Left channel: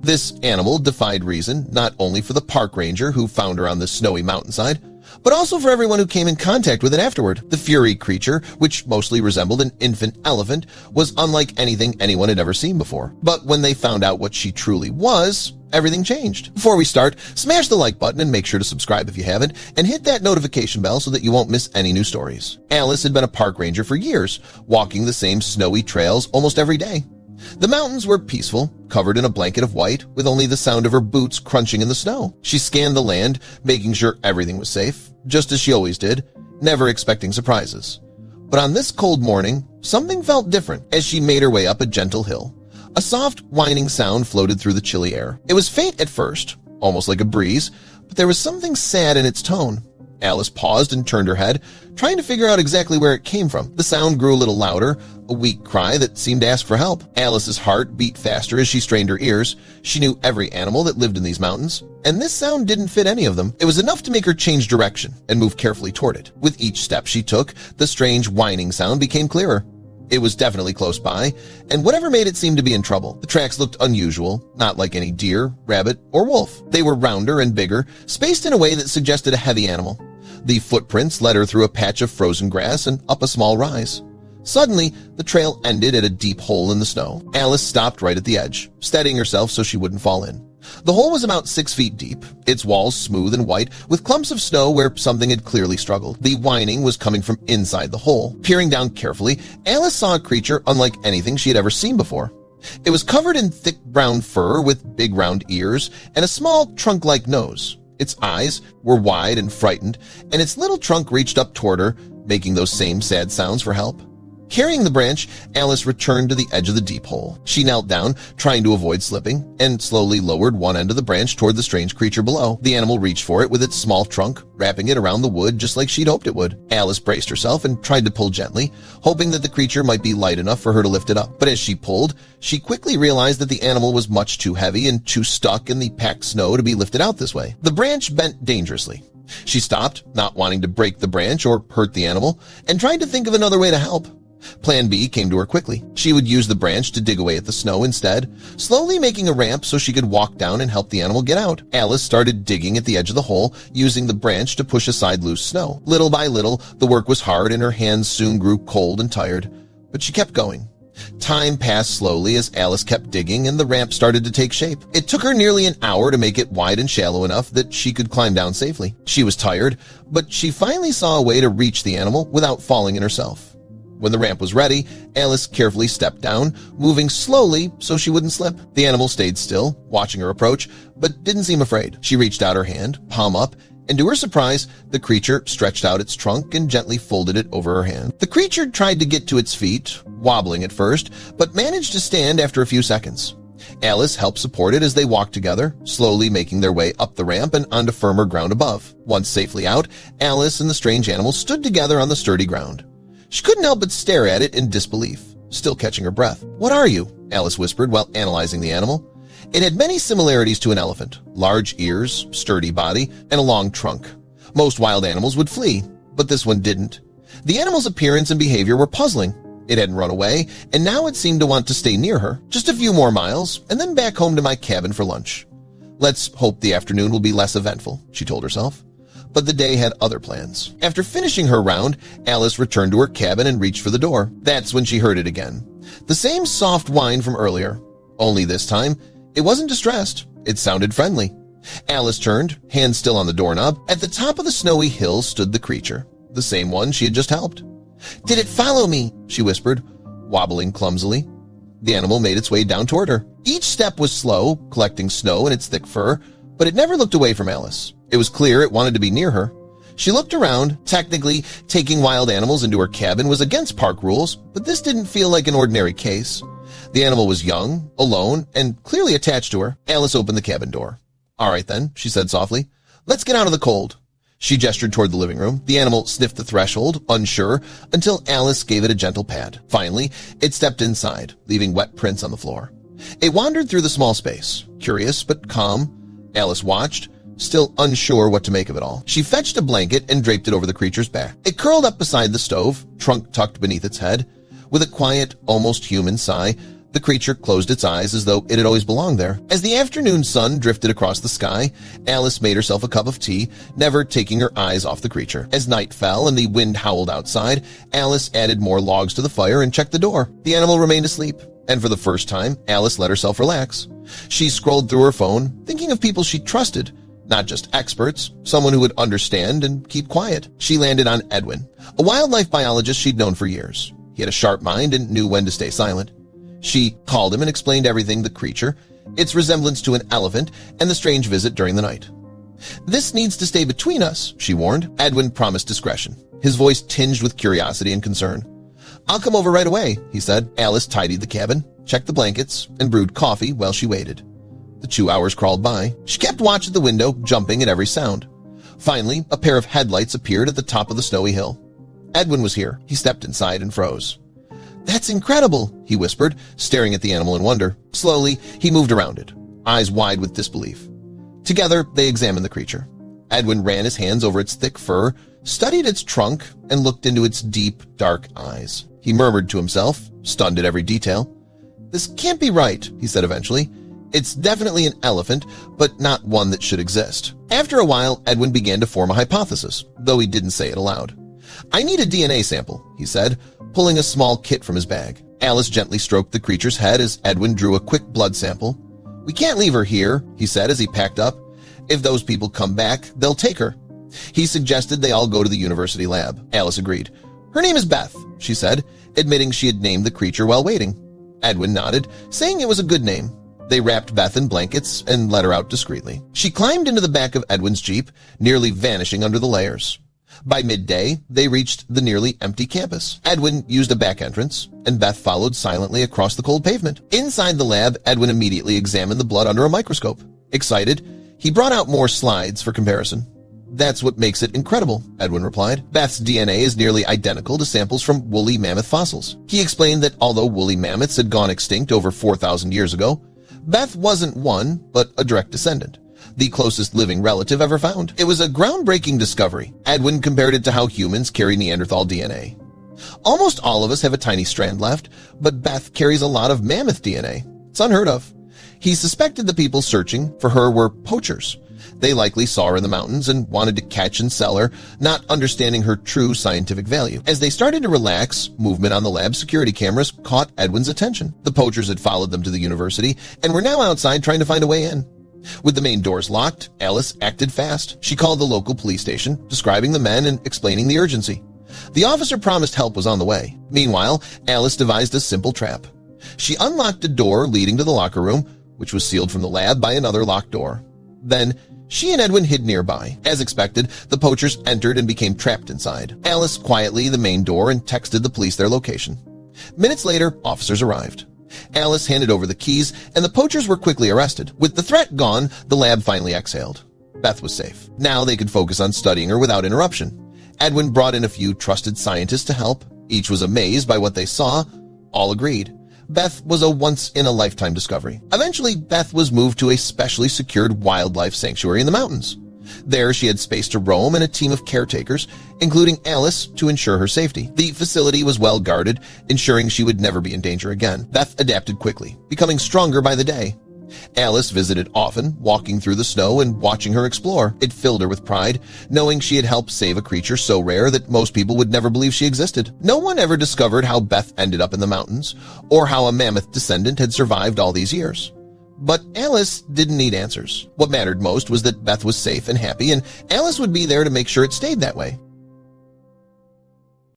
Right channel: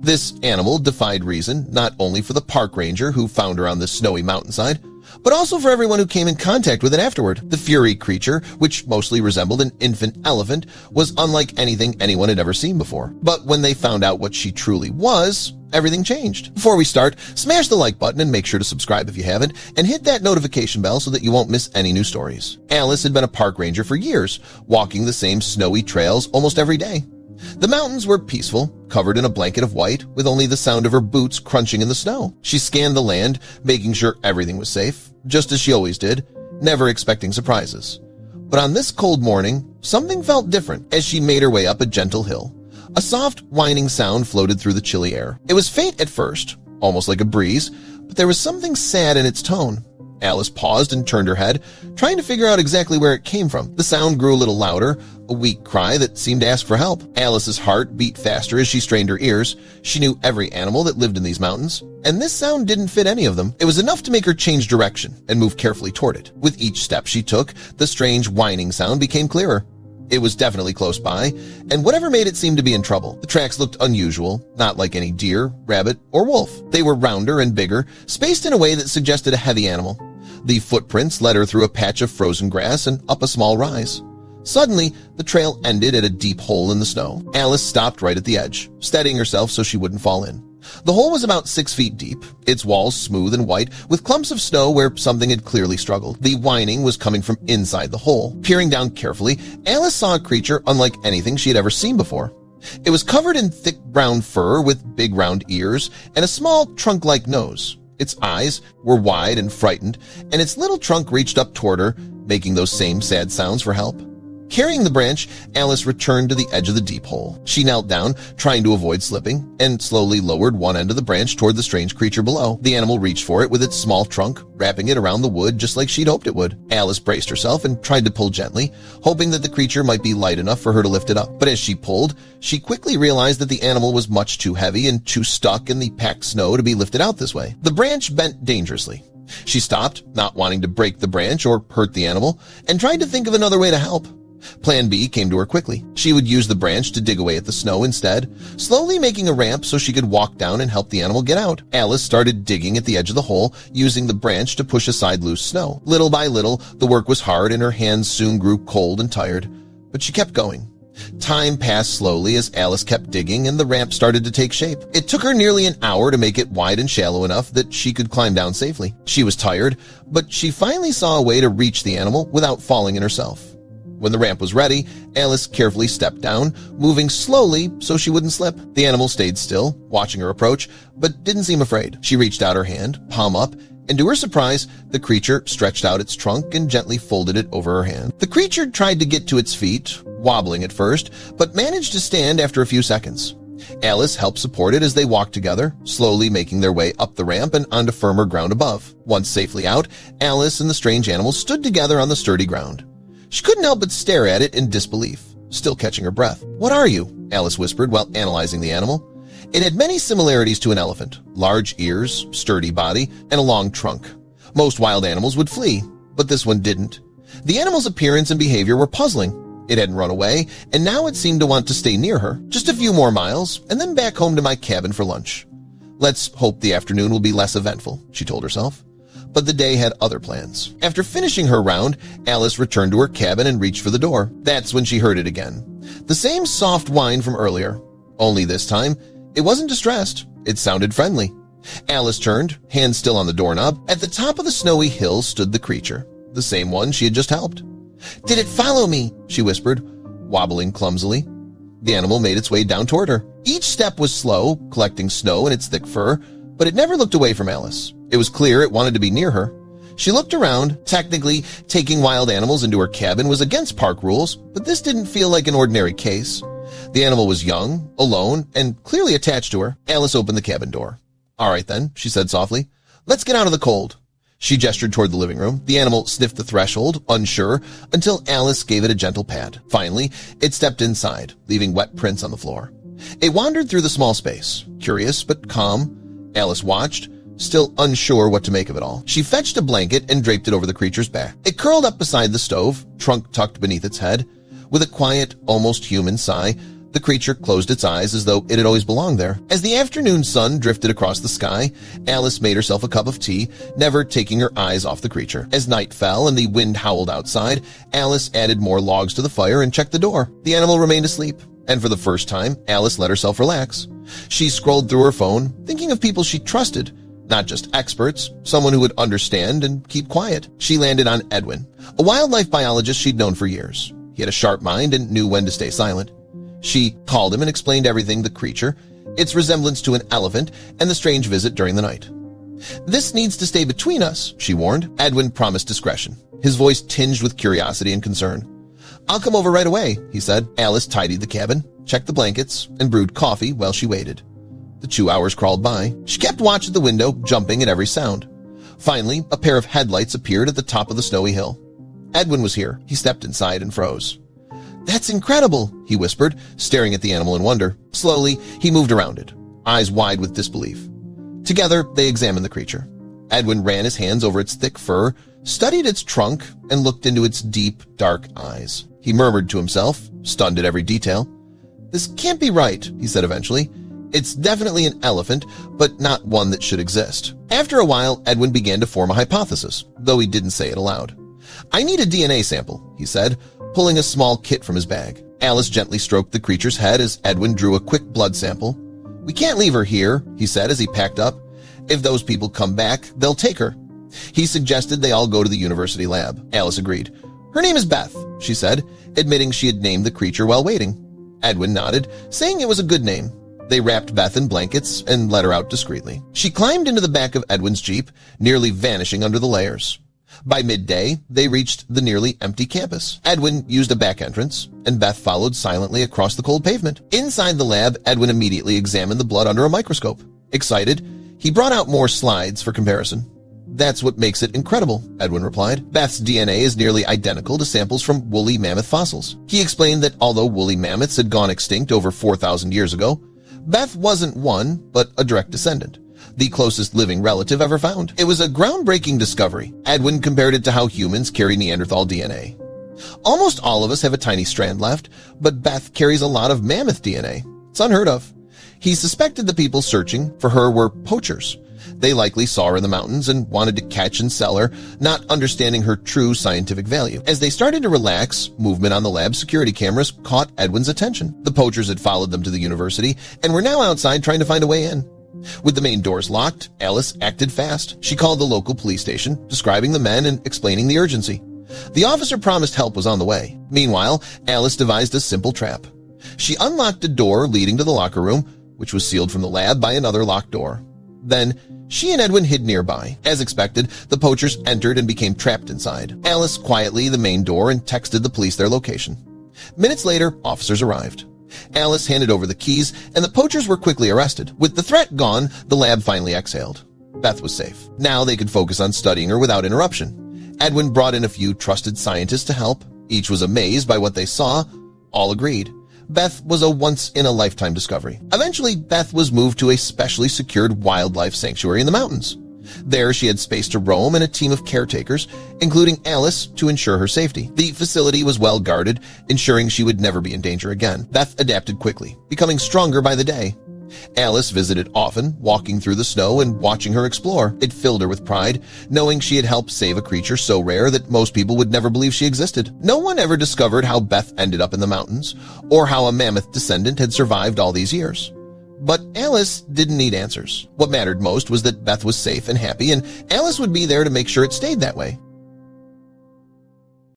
This animal defied reason, not only for the park ranger who found her on the snowy mountainside, but also for everyone who came in contact with it afterward. The Furry creature, which mostly resembled an infant elephant, was unlike anything anyone had ever seen before. But when they found out what she truly was, everything changed. Before we start, smash the like button and make sure to subscribe if you haven't, and hit that notification bell so that you won't miss any new stories. Alice had been a park ranger for years, walking the same snowy trails almost every day. The mountains were peaceful, covered in a blanket of white, with only the sound of her boots crunching in the snow. She scanned the land, making sure everything was safe, just as she always did, never expecting surprises. But on this cold morning, something felt different as she made her way up a gentle hill. A soft, whining sound floated through the chilly air. It was faint at first, almost like a breeze, but there was something sad in its tone. Alice paused and turned her head, trying to figure out exactly where it came from. The sound grew a little louder, a weak cry that seemed to ask for help. Alice's heart beat faster as she strained her ears. She knew every animal that lived in these mountains, and this sound didn't fit any of them. It was enough to make her change direction and move carefully toward it. With each step she took, the strange whining sound became clearer. It was definitely close by, and whatever made it seem to be in trouble. The tracks looked unusual, not like any deer, rabbit, or wolf. They were rounder and bigger, spaced in a way that suggested a heavy animal. The footprints led her through a patch of frozen grass and up a small rise. Suddenly, the trail ended at a deep hole in the snow. Alice stopped right at the edge, steadying herself so she wouldn't fall in. The hole was about 6 feet deep, its walls smooth and white, with clumps of snow where something had clearly struggled. The whining was coming from inside the hole. Peering down carefully, Alice saw a creature unlike anything she'd ever seen before. It was covered in thick brown fur with big round ears and a small trunk-like nose. Its eyes were wide and frightened, and its little trunk reached up toward her, making those same sad sounds for help. Carrying the branch, Alice returned to the edge of the deep hole. She knelt down, trying to avoid slipping, and slowly lowered one end of the branch toward the strange creature below. The animal reached for it with its small trunk, wrapping it around the wood just like she'd hoped it would. Alice braced herself and tried to pull gently, hoping that the creature might be light enough for her to lift it up. But as she pulled, she quickly realized that the animal was much too heavy and too stuck in the packed snow to be lifted out this way. The branch bent dangerously. She stopped, not wanting to break the branch or hurt the animal, and tried to think of another way to help. Plan B came to her quickly. She would use the branch to dig away at the snow instead, slowly making a ramp so she could walk down and help the animal get out. Alice started digging at the edge of the hole, using the branch to push aside loose snow. Little by little, the work was hard and her hands soon grew cold and tired, but she kept going. Time passed slowly as Alice kept digging and the ramp started to take shape. It took her nearly an hour to make it wide and shallow enough that she could climb down safely. She was tired, but she finally saw a way to reach the animal without falling in herself. When the ramp was ready, Alice carefully stepped down, moving slowly so she wouldn't slip. The animal stayed still, watching her approach, but didn't seem afraid. She reached out her hand, palm up, and to her surprise, the creature stretched out its trunk and gently folded it over her hand. The creature tried to get to its feet, wobbling at first, but managed to stand after a few seconds. Alice helped support it as they walked together, slowly making their way up the ramp and onto firmer ground above. Once safely out, Alice and the strange animal stood together on the sturdy ground. She couldn't help but stare at it in disbelief, still catching her breath. "What are you?" Alice whispered while analyzing the animal. It had many similarities to an elephant: large ears, sturdy body, and a long trunk. Most wild animals would flee, but this one didn't. The animal's appearance and behavior were puzzling. It hadn't run away, and now it seemed to want to stay near her. "Just a few more miles, and then back home to my cabin for lunch. Let's hope the afternoon will be less eventful," she told herself. But the day had other plans. After finishing her round, Alice returned to her cabin and reached for the door. That's when she heard it again. The same soft whine from earlier. Only this time, it wasn't distressed. It sounded friendly. Alice turned, hands still on the doorknob. At the top of the snowy hill stood the creature, the same one she had just helped. "Did it follow me?" she whispered, wobbling clumsily. The animal made its way down toward her. Each step was slow, collecting snow in its thick fur, but it never looked away from Alice. It was clear it wanted to be near her. She looked around. Technically, taking wild animals into her cabin was against park rules, but this didn't feel like an ordinary case. The animal was young, alone, and clearly attached to her. Alice opened the cabin door. "All right then," she said softly. "Let's get out of the cold." She gestured toward the living room. The animal sniffed the threshold, unsure, until Alice gave it a gentle pat. Finally, it stepped inside, leaving wet prints on the floor. It wandered through the small space, curious but calm. Alice watched, still unsure what to make of it all. She fetched a blanket and draped it over the creature's back. It curled up beside the stove, trunk tucked beneath its head. With a quiet, almost human sigh, The creature closed its eyes as though it had always belonged there. As the afternoon sun drifted across the sky, Alice made herself a cup of tea, never taking her eyes off the creature. As night fell and the wind howled outside, Alice added more logs to the fire and checked the door. The animal remained asleep, and for the first time, Alice let herself relax. She scrolled through her phone, thinking of people she trusted, not just experts, someone who would understand and keep quiet. She landed on Edwin, a wildlife biologist she'd known for years. He had a sharp mind and knew when to stay silent. She called him and explained everything: the creature, its resemblance to an elephant, and the strange visit during the night. "This needs to stay between us," she warned. Edwin promised discretion, his voice tinged with curiosity and concern. "I'll come over right away," he said. Alice tidied the cabin, checked the blankets, and brewed coffee while she waited. The 2 hours crawled by. She kept watch at the window, jumping at every sound. Finally, a pair of headlights appeared at the top of the snowy hill. Edwin was here. He stepped inside and froze. "That's incredible," he whispered, staring at the animal in wonder. Slowly, he moved around it, eyes wide with disbelief. Together, they examined the creature. Edwin ran his hands over its thick fur, studied its trunk, and looked into its deep, dark eyes. He murmured to himself, stunned at every detail. "This can't be right," he said eventually. "It's definitely an elephant, but not one that should exist." After a while, Edwin began to form a hypothesis, though he didn't say it aloud. "I need a DNA sample," he said, pulling a small kit from his bag. Alice gently stroked the creature's head as Edwin drew a quick blood sample. "We can't leave her here," he said as he packed up. "If those people come back, they'll take her." He suggested they all go to the university lab. Alice agreed. "Her name is Beth," she said, admitting she had named the creature while waiting. Edwin nodded, saying it was a good name. They wrapped Beth in blankets and let her out discreetly. She climbed into the back of Edwin's Jeep, nearly vanishing under the layers. By midday, they reached the nearly empty campus. Edwin used the back entrance, and Beth followed silently across the cold pavement. Inside the lab, Edwin immediately examined the blood under a microscope. Excited, he brought out more slides for comparison. "That's what makes it incredible," Edwin replied. "Beth's DNA is nearly identical to samples from woolly mammoth fossils." He explained that although woolly mammoths had gone extinct over 4,000 years ago, Beth wasn't one, but a direct descendant, the closest living relative ever found. It was a groundbreaking discovery. Edwin compared it to how humans carry Neanderthal DNA. "Almost all of us have a tiny strand left, but Beth carries a lot of mammoth DNA. It's unheard of." He suspected the people searching for her were poachers. They likely saw her in the mountains and wanted to catch and sell her, not understanding her true scientific value. As they started to relax, movement on the lab security cameras caught Edwin's attention. The poachers had followed them to the university and were now outside trying to find a way in. With the main doors locked, Alice acted fast. She called the local police station, describing the men and explaining the urgency. The officer promised help was on the way. Meanwhile, Alice devised a simple trap. She unlocked a door leading to the locker room, which was sealed from the lab by another locked door. Then, she and Edwin hid nearby. As expected, the poachers entered and became trapped inside. Alice quietly the main door and texted the police their location. Minutes later, officers arrived. Alice handed over the keys, and the poachers were quickly arrested. With the threat gone, the lab finally exhaled. Beth was safe. Now they could focus on studying her without interruption. Edwin brought in a few trusted scientists to help. Each was amazed by what they saw. All agreed. Beth was a once-in-a-lifetime discovery. Eventually, Beth was moved to a specially secured wildlife sanctuary in the mountains. There, she had space to roam and a team of caretakers, including Alice, to ensure her safety. The facility was well guarded, ensuring she would never be in danger again. Beth adapted quickly, becoming stronger by the day. Alice visited often, walking through the snow and watching her explore. It filled her with pride, knowing she had helped save a creature so rare that most people would never believe she existed. No one ever discovered how Beth ended up in the mountains, or how a mammoth descendant had survived all these years. But Alice didn't need answers. What mattered most was that Beth was safe and happy, and Alice would be there to make sure it stayed that way.